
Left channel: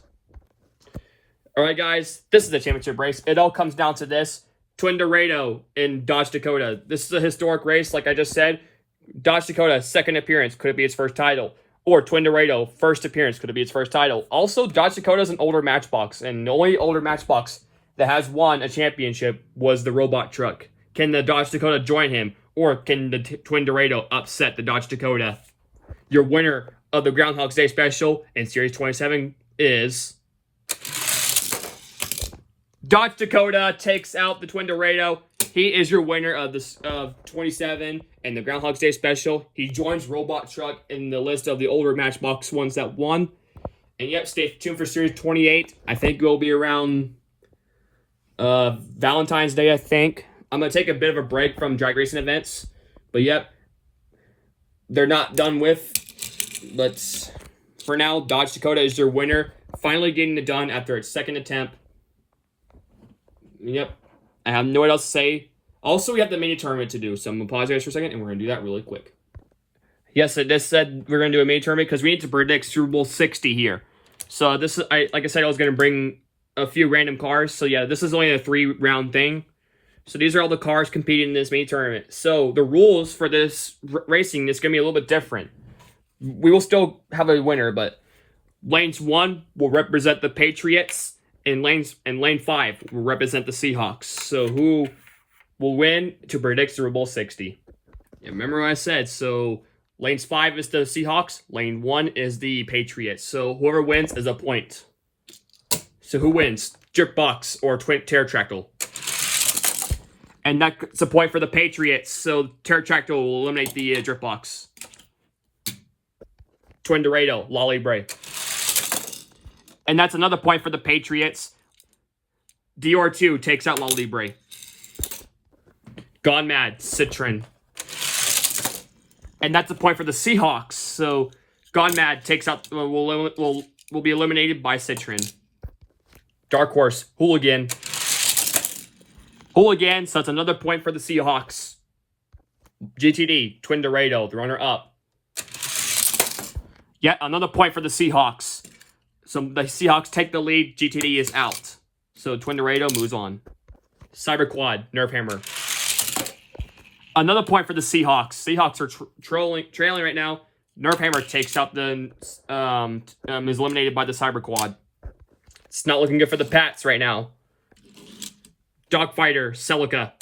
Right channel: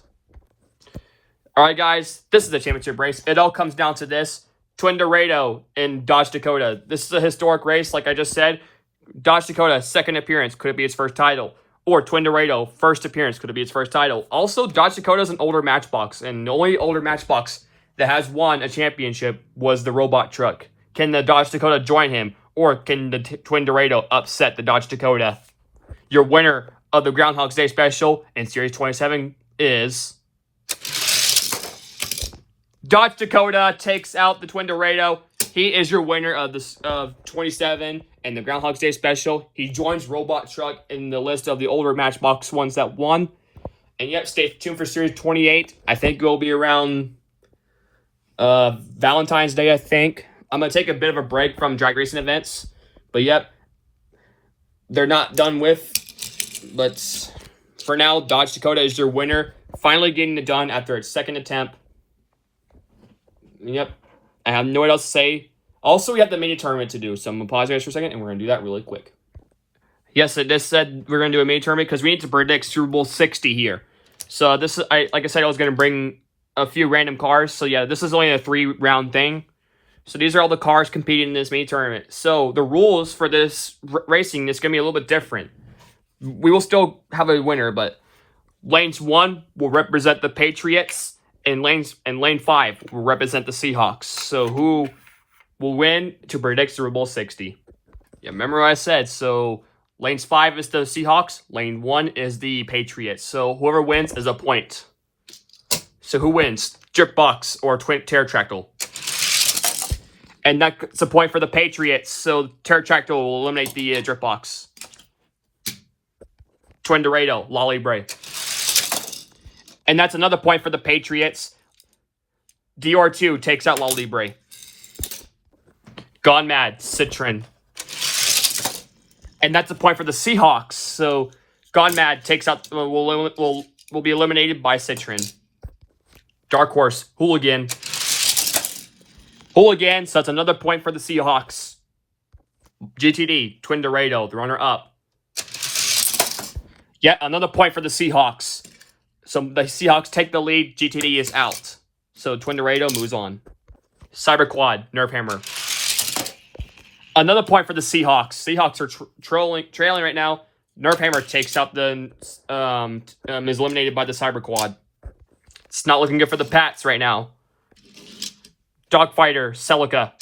All right, guys, this is the championship race. It all comes down to this. Twin Dorado and Dodge Dakota. This is a historic race, like I just said. Dodge Dakota, second appearance. Could it be its first title? Or Twin Dorado, first appearance. Could it be its first title? Also, Dodge Dakota is an older Matchbox, and the only older Matchbox that has won a championship was the robot truck. Can the Dodge Dakota join him? Or can the Twin Dorado upset the Dodge Dakota? Your winner of the Groundhog Day special in Series 27 is... Dodge Dakota takes out the Twin Dorado. He is your winner of the 27 and the Groundhog Day special. He joins Robot Truck in the list of the older Matchbox ones that won. And yep, stay tuned for Series 28. I think it will be around Valentine's Day, I think. I'm going to take a bit of a break from drag racing events. But yep, they're not done with. But for now, Dodge Dakota is your winner. Finally getting it done after its second attempt. Yep. I have no what else to say. Also, we have the mini tournament to do, so I'm going to pause guys for a second, and we're going to do that really quick. Yes, it just said we're going to do a mini tournament because we need to predict Super Bowl 60 here. So this is, like I said, I was going to bring a few random cars. So yeah, this is only a 3-round thing. So these are all the cars competing in this mini tournament. So the rules for this racing is going to be a little bit different. We will still have a winner, but lanes 1 will represent the Patriots. And lane 5 will represent the Seahawks. So who will win to predict Super Bowl 60? Yeah, remember what I said. So lanes 5 is the Seahawks. Lane 1 is the Patriots. So whoever wins is a point. So who wins? Dripbox or Twin Pterodactyl? And that's a point for the Patriots. So Pterodactyl will eliminate the Dripbox. Twin Dorado, Lolly And that's another point for the Patriots. DR2 takes out La Libre. Gone Mad, Citron. And that's a point for the Seahawks. So Gone Mad takes out will be eliminated by Citron. Dark Horse, Hooligan. Hooligan, so that's another point for the Seahawks. GTD, Twin Dorado, the runner-up. Yet another point for the Seahawks. So the Seahawks take the lead. GTD is out. So Twin Dorado moves on. Cyber Quad, Nerve Hammer. Another point for the Seahawks. Seahawks are trailing right now. Nerve Hammer takes out the is eliminated by the Cyber Quad. It's not looking good for the Pats right now. Dogfighter, Celica.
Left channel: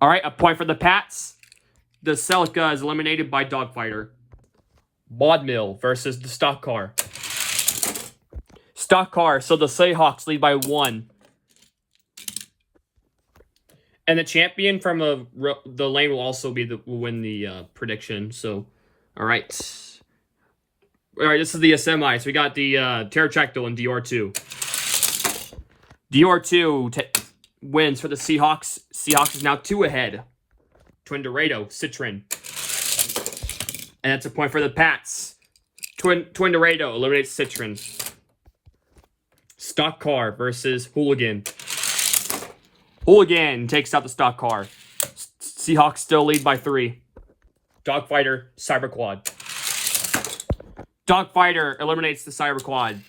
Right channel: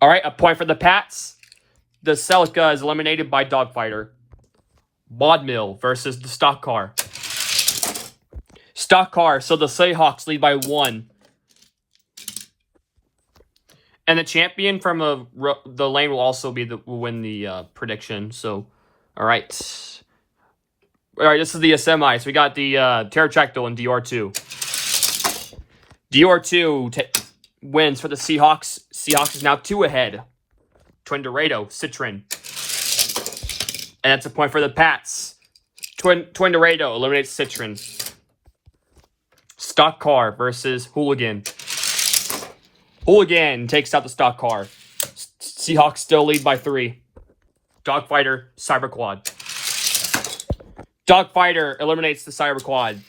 All right, a point for the Pats. The Celica is eliminated by Dogfighter. Maudmill versus the Stock Car. Stock Car, so the Seahawks lead by 1. And the champion from the lane will also win the prediction. So, all right. This is the semi. So we got the Pterodactyl and DR2. DR2 wins for the Seahawks. Seahawks is now 2 ahead. Twin Dorado, Citron. And that's a point for the Pats. Twin Dorado eliminates Citron. Stock Car versus Hooligan. Hooligan takes out the Stock Car. Seahawks still lead by 3. Dogfighter, Cyber Quad. Dogfighter eliminates the Cyber Quad.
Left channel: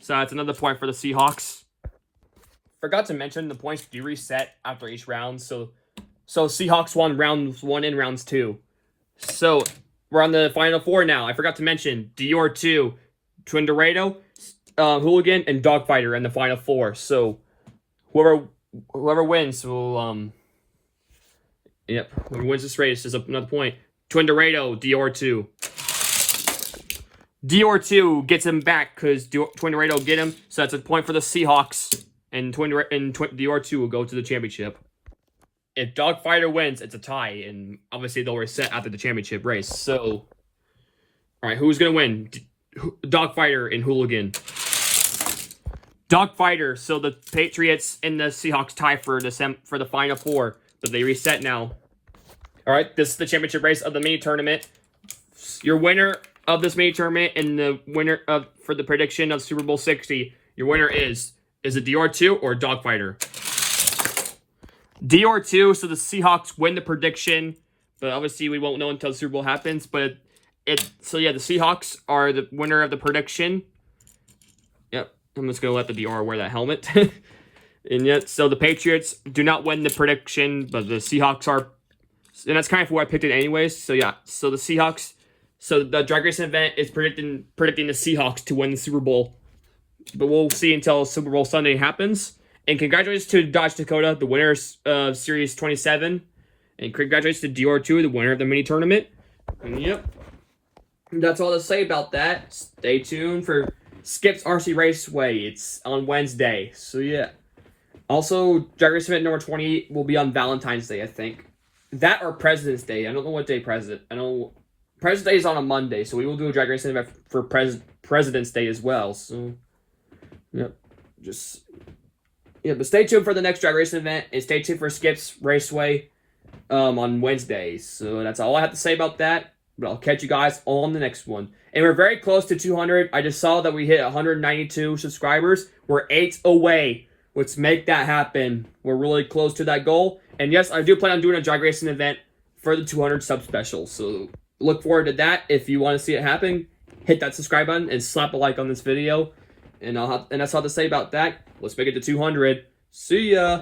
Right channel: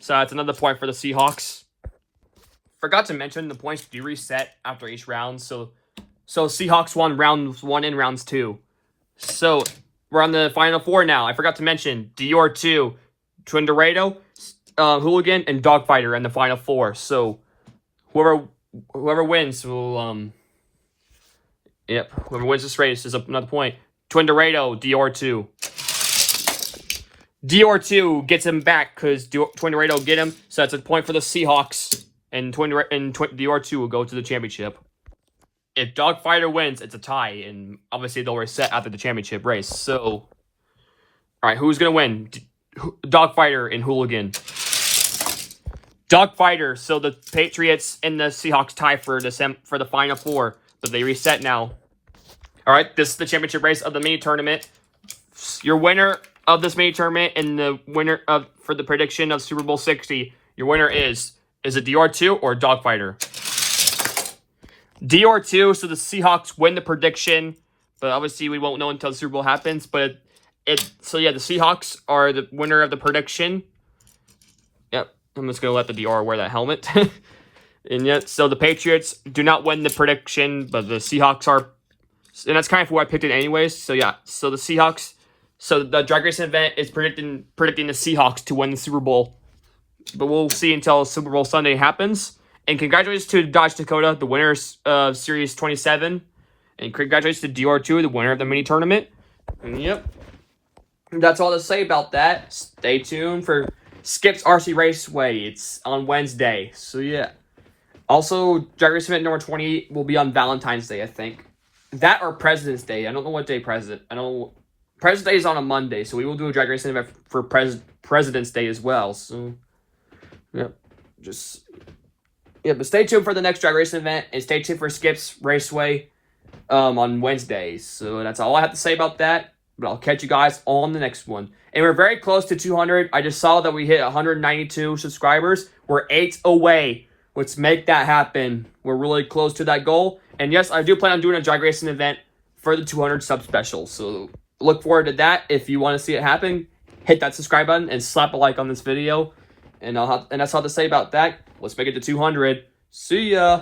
So that's another point for the Seahawks. Forgot to mention the points do reset after each round. So Seahawks won rounds 1 and rounds 2. So we're on the final 4 now. I forgot to mention DR2, Twin Dorado, Hooligan, and Dogfighter in the final 4. So whoever wins will Yep, whoever wins this race is another point. Twin Dorado, DR2. DR2 gets him back because Twin Dorado get him, so that's a point for the Seahawks, and DR2 will go to the championship. If Dogfighter wins, it's a tie, and obviously they'll reset after the championship race. So, all right, who's gonna win? Dogfighter and Hooligan. Dogfighter. So the Patriots and the Seahawks tie for the Final Four, but they reset now. All right, this is the championship race of the mini tournament. Your winner of this mini tournament and the winner for the prediction of Super Bowl 60. Your winner is it DR2 or Dogfighter? DR2, so the Seahawks win the prediction, but obviously we won't know until the Super Bowl happens. But so yeah, the Seahawks are the winner of the prediction. Yep, I'm just gonna let the DR wear that helmet. And yet, so the Patriots do not win the prediction, but the Seahawks are, and that's kind of who I picked it anyways. So yeah, so the Seahawks, so the drag racing event is predicting the Seahawks to win the Super Bowl, but we'll see until Super Bowl Sunday happens. And congratulations to Dodge Dakota, the winners of Series 27. And congratulations to DR2, the winner of the mini tournament. And yep, that's all to say about that. Stay tuned for Skip's RC Raceway. It's on Wednesday. So yeah. Also, Drag Race event number 20 will be on Valentine's Day, I think. That or President's Day. I don't know what day President's Day is on a Monday, so we will do a Drag Race event for President's Day as well. So, yep. But stay tuned for the next Drag Race event, and stay tuned for Skip's Raceway on Wednesday. So that's all I have to say about that, but I'll catch you guys on the next one. And we're very close to 200. I just saw that we hit 192 subscribers. We're 8 away. Let's make that happen. We're really close to that goal. And yes, I do plan on doing a drag racing event for the 200 sub special. So look forward to that. If you want to see it happen, hit that subscribe button and slap a like on this video. And that's all to say about that. Let's make it to 200. See ya.